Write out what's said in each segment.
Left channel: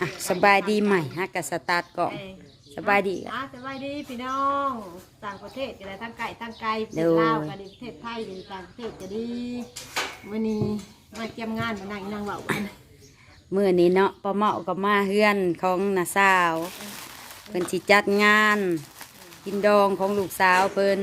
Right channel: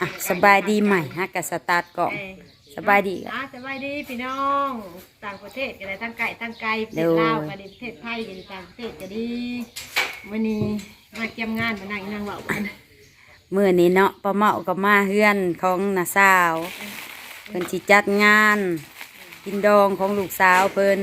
อะสบายดีใหม่ฮะกับสตาร์ทกล่องเอ้ยสบายดีอะสบายดีพี่น้องต่างประเทศก็ได้ทั้งไก่ทั้งไก่ประเทเด้ศอลาวก็ดีประเทศไทยก็ดีต่างประเทศก็ดีวันนี้มาเกี่ยมงานมานั่งนั่งเบากันมื่อนี้เนาะป้าเมากับมาเฮือนของนาสาวเพิ่นสิจัดงานกินดองของลูกสาวเพิ่น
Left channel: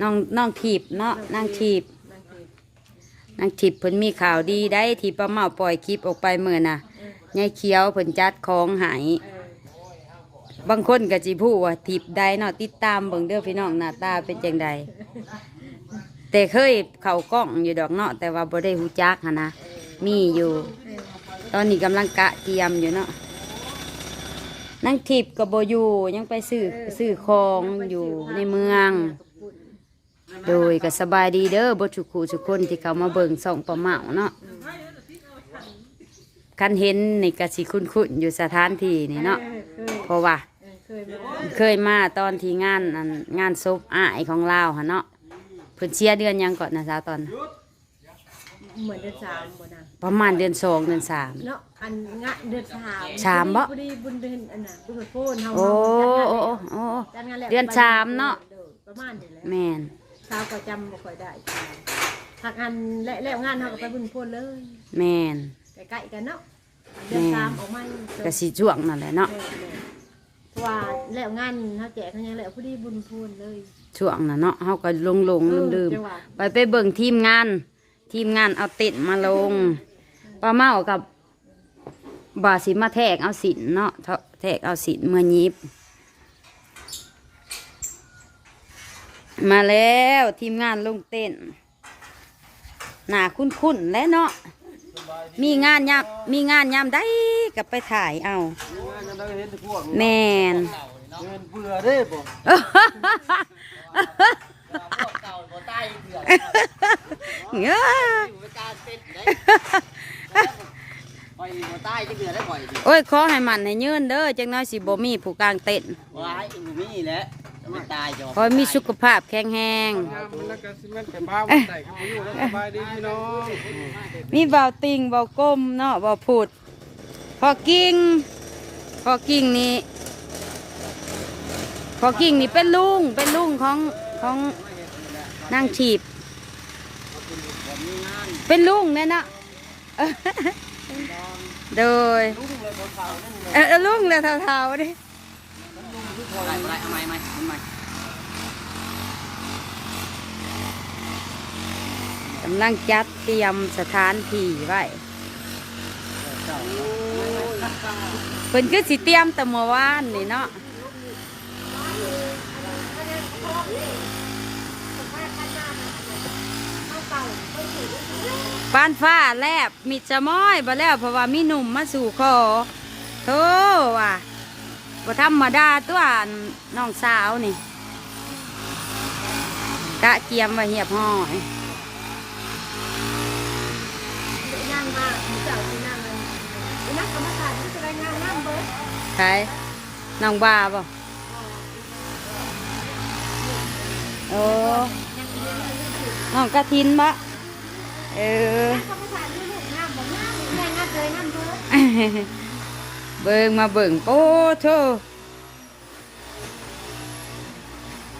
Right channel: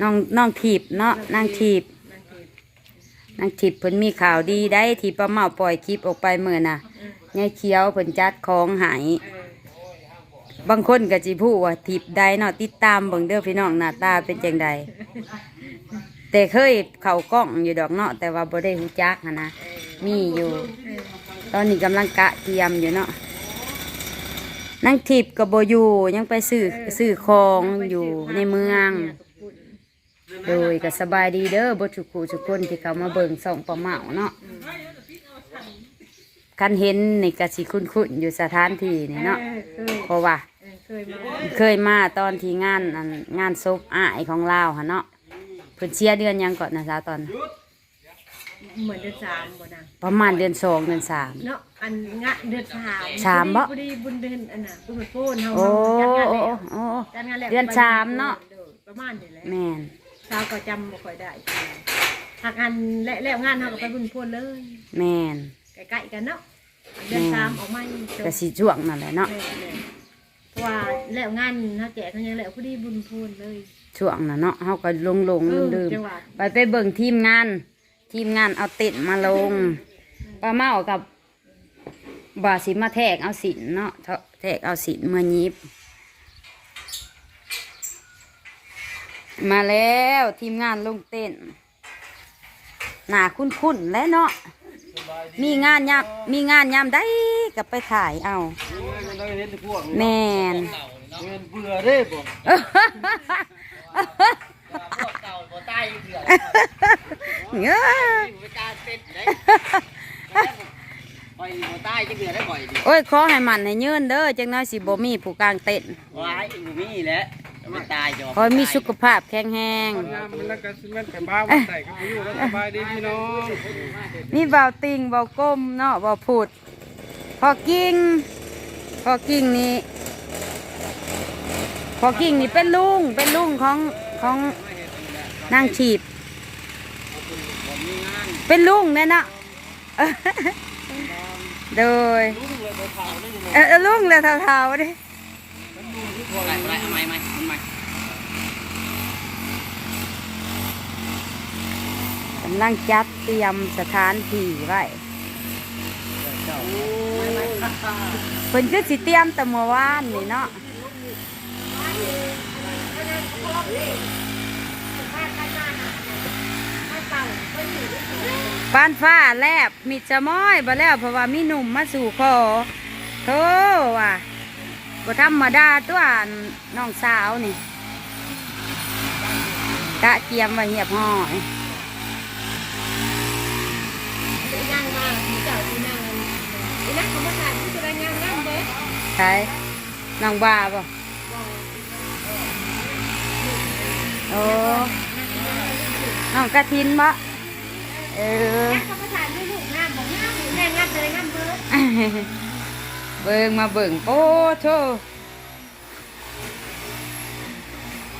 น้องน้องถีบเนาะนางถีบ นั่งเทศนางถีบเพิ่นมีข่าวดีได้ที่ป้าเมาปล่อยคลิปออกไปเมื่อน่ะเออยายเขียวเพิ่นจัดของใหายเออบางคนก็สิพูดว่าถีบใดเนาะติดตามเบิ่งเด้อพี่น้องหน้าตาเป็นจังใดแต่เคยเข้ากล้องอยู่ดอกเนาะแต่ว่าบ่ได้ฮู้จักหั้นนะมีอยู่เออตอนนี้กำลังกะเตรียมอยู่เนาะนั่งทิพย์กับโบอยู่ยังไปซื้อซื้อของอยู่ในเมือง โดยก็สบายดีเด้อบทุกคู่ทุกคนที่เขามาเบิ่งส่องประเมาเนาะคันเห็นนี่กสิคุ้นคุ้นๆอยู่สถานที่นี่เนาะเออเคยเพราะว่า เออเคยมาเคยมาตอนที่งานอันงานศพอ้ายของลาวฮะเนาะเพิ่นเชียเดือนหยังก่อนนะสาวตอนเหมือนเดือนสามบ่นะประมาณเดือนสองเดือนสาม เนาะอันงะเดือนสามสามบ่พอดีบุญเดือนอันน่ะบุญโฟนเฮาโอ้เฮาจัดงานโอ้แล้วโอ้โอ้ จัดงานแล้วเดือนสามเนาะออประมาณนี้แหละ แม่น สาวก็จำบ่ค่อยได้หักอันและแล้วงานเฮาก็ไปบุญโพนเลยแม่นใกล้ๆกันเนาะอันเดือนสามออกมาอีกจบก็สิช่วงนั่นแหละเนาะแม่นๆเพราะว่าแล้วงานเฮาแจกเขายังแล้วพอดีบุญโพนเลยช่วงน่ะเนาะเฮาก็ลงลงลืมลืมเออจังหวะไปไปเบิ่งทีมงาน ทีมงานเอาเต็นท์มาลงป้าเมากับบาสิมาแทกเอาสินเนาะแทกเอาสินเมื่อยิบ มาแล้วทีมงานลงเต้นท์หนาคุ้นๆแล้วเนาะมีงานยามมีงานยามได้กับไปถ่ายเอายังได้เห็นพวกแม่นเงินเบื่อได้บ่เก่าบ่ใต้เถื่อนเอ้อไปการเต้นได้ปล่อยบ่ใต้จะเถื่อนได้ปล่อยดิโอ้ยขอให้มันให้ยืนเด้อจังน้อยสิบ่มีผู้กลางเต้นท์ว้ายบ่มีแหล้ว มันตายจอขอให้มีสุขภาพแข็งแรงแล้วก็สิมันไปบ้าวันใดก็บ่อยู่แล้วสบายดีพี่น้องมีเบาติงเบาก้มเนาะเบาผุด พอกิ่งพอกิ่งนี่พอกิ่งนี่เป็นลุงเป็นลุงของของนางฉีบผมมีงานเป็นลุงเนี่ยเนาะโดยเออเออลุงเลยเท่าๆดิ ไรไรเอาไม้ไหมมันไหมกำลังจัดเตรียมสถานที่ไว้เพิ่นก็สิเตรียมแต่เมื่อวานนี่เนาะปานฟ้าแลบมิดจะม้อยบ่แล้วเพราะว่ามีหนุ่มมาสู่คอโธ่ว่ะ บ่ธรรมดาตัวน้องสาวนี่ กะเกียมว่าเหียบห้อยใช่น้องบ้าบ่โอ้น้องกระทินบ่เออเขาประสานด้วยลูกงามบอกงามงามงามเลยงามเบิด เบิ่งมาเบิ่งโอ้โธ่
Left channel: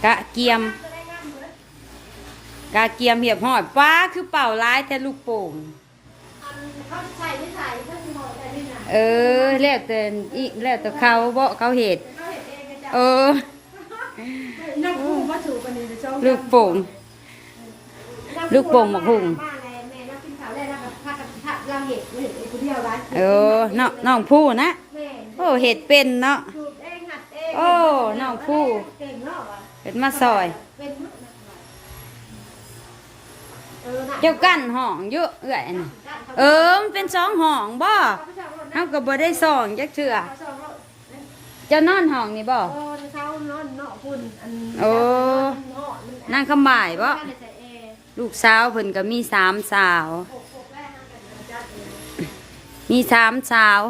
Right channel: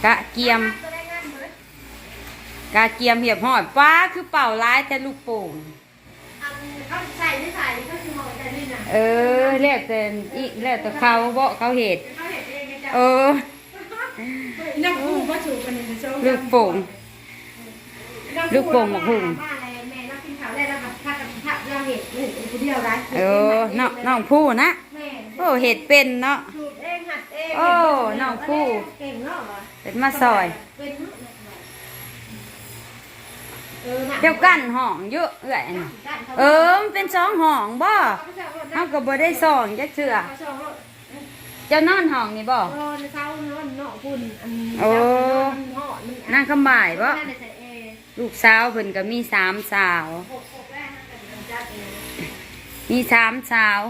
กะเกียม กะเกียมเหียบหอดป้าคือเป่าร้ายแต่ลูกโป่งเขาใส่ไม่ใส่เขาคือหอมใจนี่นะเออแล้วแต่อีแล้วแต่เขาบ่เขาเห็ดเขาเห็นเองไงจ้ะเออนั่งคู่มาถูกกันนี่เจ้าลูกโป่งลูกโป่งหมกหุ่งมาเลยแม่นักกินข้าวได้แล้วกับข้ากับข้าวย่างเห็ดเห็ดคนเดียวได้เออน้องน้องผู้นะแม่ โอ้เห็ดเป็นเนาะสูตรเองหัดเองโอ้น้องผู้ เก่งเนาะวะเป็นมาซอย เป็นเนาะเออน่ะเจ้ากั้นห้องเยอะเอื้อยน่ะเออมันเป็นสองห้องบ่เขาก็บ่ได้สองจักเทื่อเจ้านอนห้องนี่บ่ เออในเขาเนาะเนาะคุณอันโอ้มันเหาะมันนางคำบ่ายบ่ใส่แอร์ลูกสาวเพิ่นก็มีสามสาว หกหกแรกนะแต่มันจัดเองมีสามสาว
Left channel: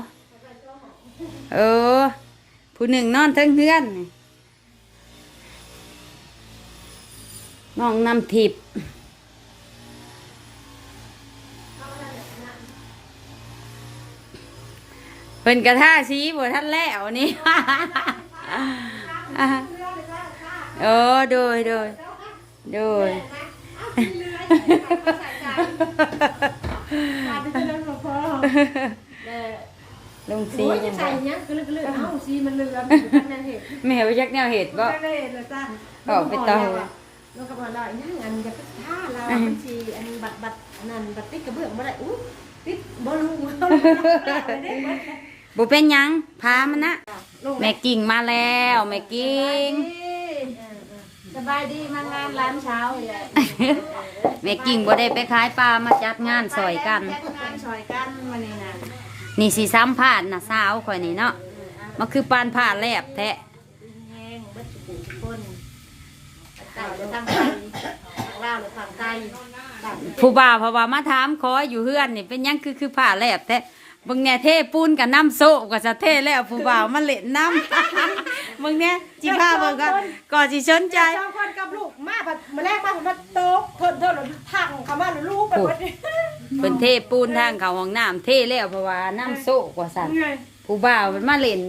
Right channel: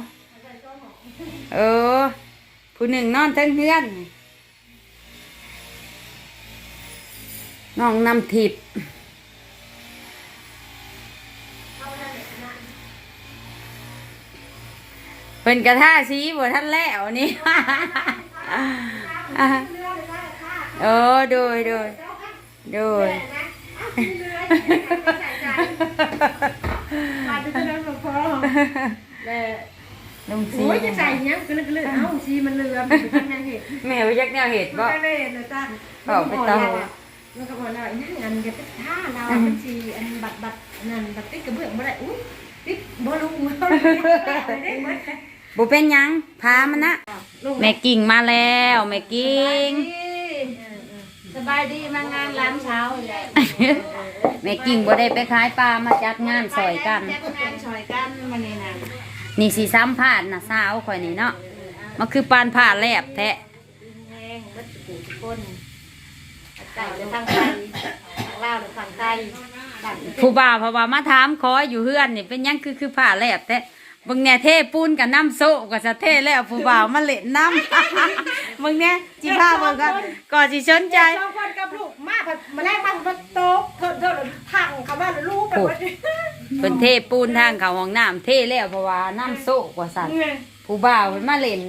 เออ ผู้หนึ่งนอนเทั้งเพื่อนน้องนำทิพย์พิ่นกระท่าชี้บ่ท่านแล้วนี่โอ้โดยโดยโดยมาดูเรื่องหลวงพ่อแต่ ลุงซีโอ้ยจะใส่เนี้ยก็เลยก็เลยเอ้าซีมันเรือมันอยู่ข้างในเหตุแม่ว่ายักแนวเห็ดบ่ก็เลยเดี๋ยวจ้าบอกไปต่อมันก็บอกว่านั่นอันก็ถ้าเราเป็นซีอันบัตรบัตรนั่นบัตรติ๊กกระเบื้องบ่ได้อุ้ยติ๊กบ่รู้บ่รู้บ่เป็นหยังพามันนะแม่กิ่งมาแล้วแม่กิ่งสบายดีมางานร้านเช้าเลยแม่กิ่งบ่ได้ไปขายปลามาจัดงานซอยกัน จัดงานซอยกันวันนี้นะ นี่สีซ้ำผ่านนะสาวข่อยนี่เนาะมันคือปานผ่านแลบแทะแห้งวัตถุทุกคนไก่จะทางไทยทางลาวหรือฝั่งไทยต่างประเทศผู้บ่าวเพราะว่ามาถามขออยู่เฮือนนี่เป็นยังคือคือผ่าแลบแทะ บิ่งแน่เทปูนกับน้ำโซะก็จะเทแล้วผู้บ่าวมาเล่นน้ำเบิ่งแน่จิพาเบิ่งก่อนก่อนสิสนใจเจ้าคนกับลูกมาผัดมาแรกมาผัดโต๊ะเพิ่นเพิ่นทังเขามาหรือลูกไปหมดเพิ่นเทปูนทางเขาห้องน้ำเทแล้วเพราะว่าน้ำโซะกว่าสั่นผู้บ่าวเพิ่นมาเล่น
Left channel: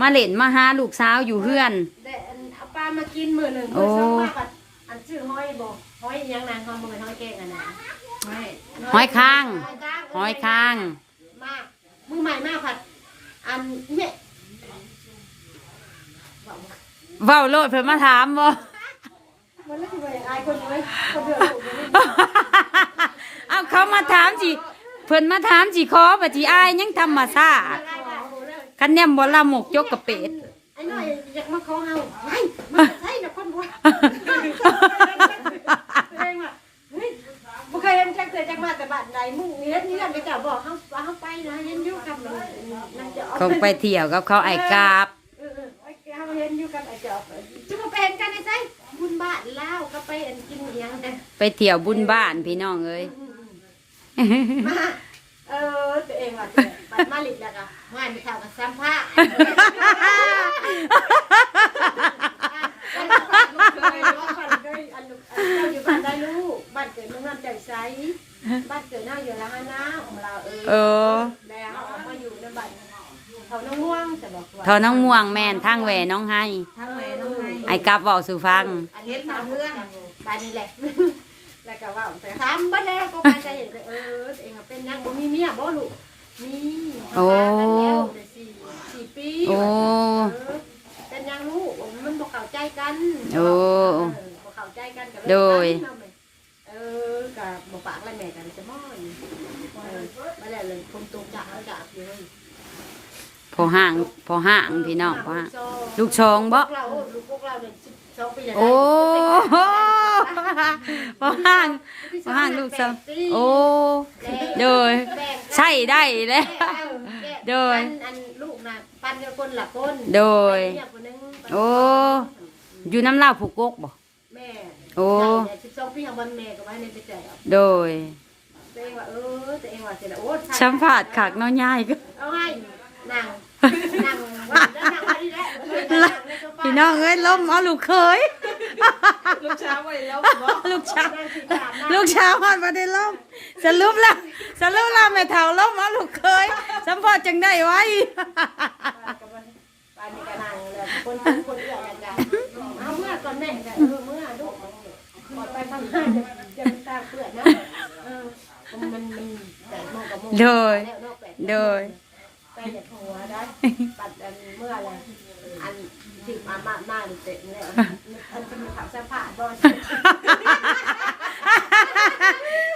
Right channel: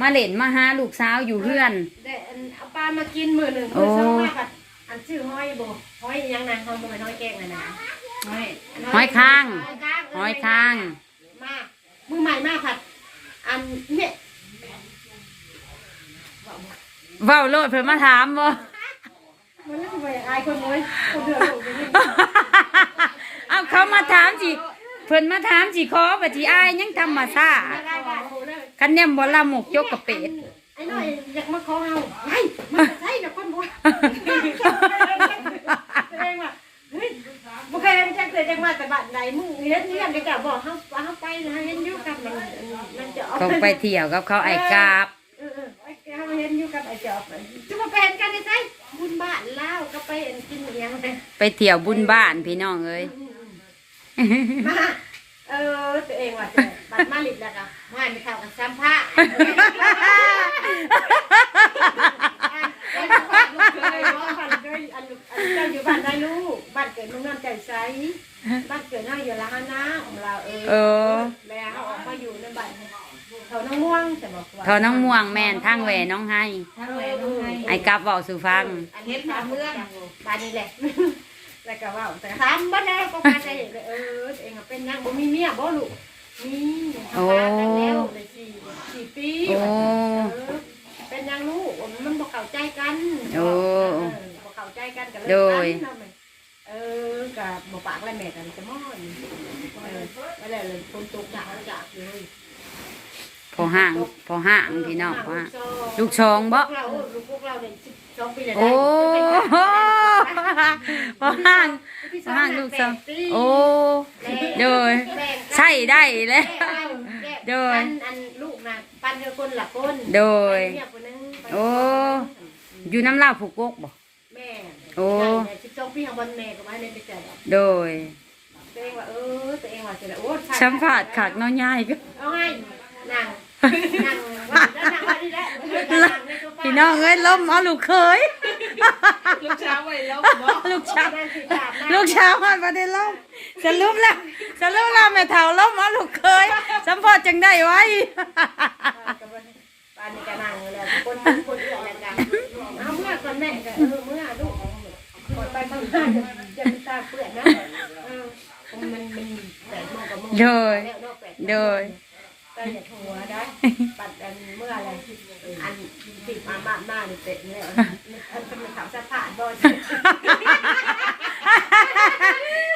มาเล่นมาหาลูกสาวอยู่เฮือนได้อันเอาปลามากินมือหนึ่งมือสองมาผัดอันชื่อห้อยบ่ห้อยยังนางเขาบ่แม่นห้อยแกงอะนะห้อยค้างห้อยค้างห้อยค้าง มากมือใหม่มาผัด อันเนี่ยเว้าโลดเพิ่นมาถามบ่ มันไม่ถูกไปอายคนเลยคนเดือดร้อนอย่างนี้เอาเขามาถามสิเพิ่นมาถามสิขอปฏิอายยังธรรมชาติได้ได้โอ้เลยคันแนมบ่ละหมกยกกระเป็ด ไอ้น้อยอยากมาขอเฮาไอ้มันจะใช่นะคนบ่แสดงว่าเฮ้ยบ่เคยเห็นจักเทื่อจักมาแต่บ้านใดมึงเฮ็ดนี่กันก็บอกเฮาว่าเฮาไปนะเห็นอยู่กับมัน มันจะเอาต้องไปเที่ยวกับเขาไอ้กาบเออเออไอ้เฮาเห็นอยู่กับไอ้จอบจุมาเป็นกันได้ไสบุญบ้านลาวก็ไปกินอีหยังไงไปเที่ยวบุญบ้านพี่น้องเอ้ยมาเออตัวเองว่าตัวบัตรมาลิดแล้วก็ไม่ไม่เข้ากับซ้ำผ้าเจ้าอยู่บ้านได้ลูกบ้านเกิดเมืองนอนใจใสบ้านเกิดน่าอยู่ละฮนะของเราเอเอออแล้วออกมาอยู่ในบ้าน เขาน้ำม่วงจะบอกว่าพอน้องม่วงแม่นทางแหวน้องให้ทั้งเลยน้องให้ไอ้กาบบอกสู่ฟัง อันนี้ตามเรื่องบ้านนี้แหละ แล้วก็ว่าแต่ถามบ้านแล้วก็มาใจเห็นเออเองเป็นยังบ่มีเมียบ่ลูกมีทำงานกันแล้วได้สี่สี่ปีโอ้เป็นยังลูกมันบ่เข้าใจกันโอ้บ่เข้าใจกันก็เลยโดยเออกับบ่ปากอะไรแม่กันจะม่อนเออมาแล้วเลยคนตกจากจากอยู่เลย พอห่างพอห่างพี่น้องพอห่างลูลูกชองบ่กเราลูกพวกเราเนี่ย12ปีแล้วโอ้พอห่างพอห่างลูกชองโอ้โดยใช่ได้แล้วโดยอันอันลูกน่ะปันกับคนละคนโดยปันเนี่ยคนหนึงปันโอ้อยู่น้ำลาวผูกกกบ่แม่โอ้สิบสองปีของบนแม่ก็ไว้ในไปเจอแล้วโดยตัวเองว่าเออตัวเองว่าเสร็จแล้วโอ้สัมผัสขากน้อยใหญ่ก็เอาให้ นั่งนั่งว่าจะนั่งว่าดีแล้วนั่งในโซฟาพี่น้องเอ้ยล้มเอาลูกเคย ลูกช้างไว้แล้วลูกชาวนั่งสิตามนั่งลูกชาวมันมาได้ล้มสรุปแล้วสรุปแล้วแม่เฒ่าล้มเอาลูกเคยสัมผัสจังได้ไว้ ปานนี้ก็นั่งแล้วคนคนเอื้อแล้วกันเอาเมื่อก่อนแม่ก็เออเมื่อลูกก่อนไปข้างหน้าจะจะมีตาเปื้อนนะเออมันมันแปดโมงกับโมงโดย แล้วเนาะแปโดย ไปอย่าหัวได้ปัดอันเมื่ออะไรอันสิมาบ้านหน้านี่เตะแล้วอันเป็นข่าวสะพานบ่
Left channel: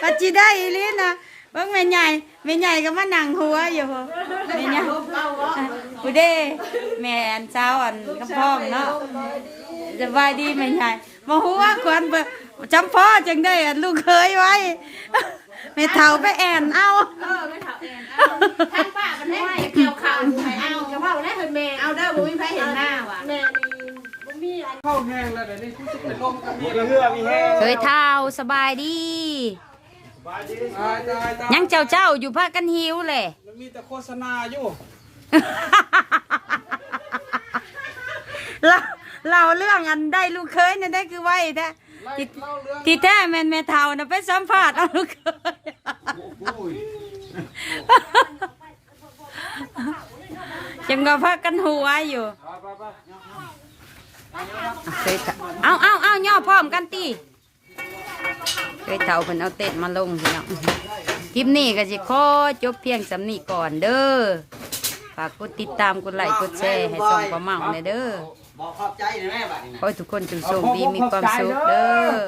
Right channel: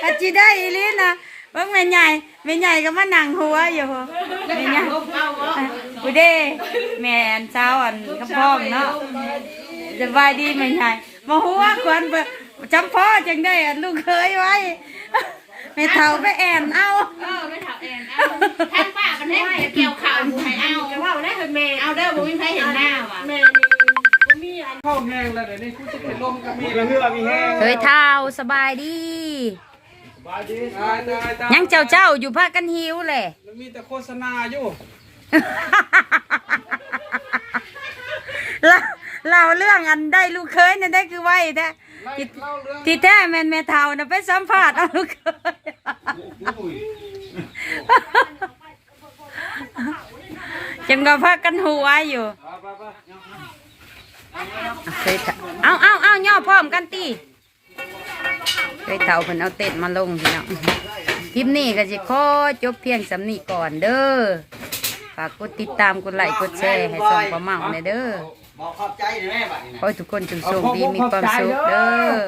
ปัจจิได้อีหลีนะเบิ่งแม่ใหญ่แม่ใหญ่ก็มานั่งหัวอยู่แม่ใหญ่ผู้เด้แม่อันเช้าอันกระพ้องเนาะสบายดีแม่ใหญ่มาหัวควนเบิ่งจำพ่อจังได้อันลูกเคยไว้แม่เฒ่าไปแอนเอาท่านป้า มันให้เกี่ยวข่าวให้เอาจะว่าได้เห็นแม่เอาเด้อบ่มีใครเห็นหน้าว่ะแม่นี่บ่มีอันเข้าแห้งแล้วเดี๋ยวนี้กูจะไปลมกับมีละเหือมีแห้งเคยเท่าสบายดี ตายตายตายยังเจ้าเจ้าอยู่พากันหิวเลยแล้วมีแต่โฆษณาอยู่เราเราเรื่องอันได้ลูกเคยเนี่ยได้คือไว้แท้ไล่เล่าเรื่องที่แท้แม่นแม่เท่านะไปสัมภาษณ์เอาลูกเคย จังก็พักกันหัวอยู่เคยเอาเอาเอาย่อพร้อมกันตีเคยเท่าเพิ่นเอาเต็ดมาลงพี่น้องคลิปนี้ก็สิขอจบเพียงสำนีก่อนเด้อฝากกดติดตามกดไลค์กดแชร์ให้ต้องประเมาในอยเด้อบอกขอบใจน่อยแม่บัดนี้ขอให้ทุกคนจงโชคดีมีความสุขเด้อ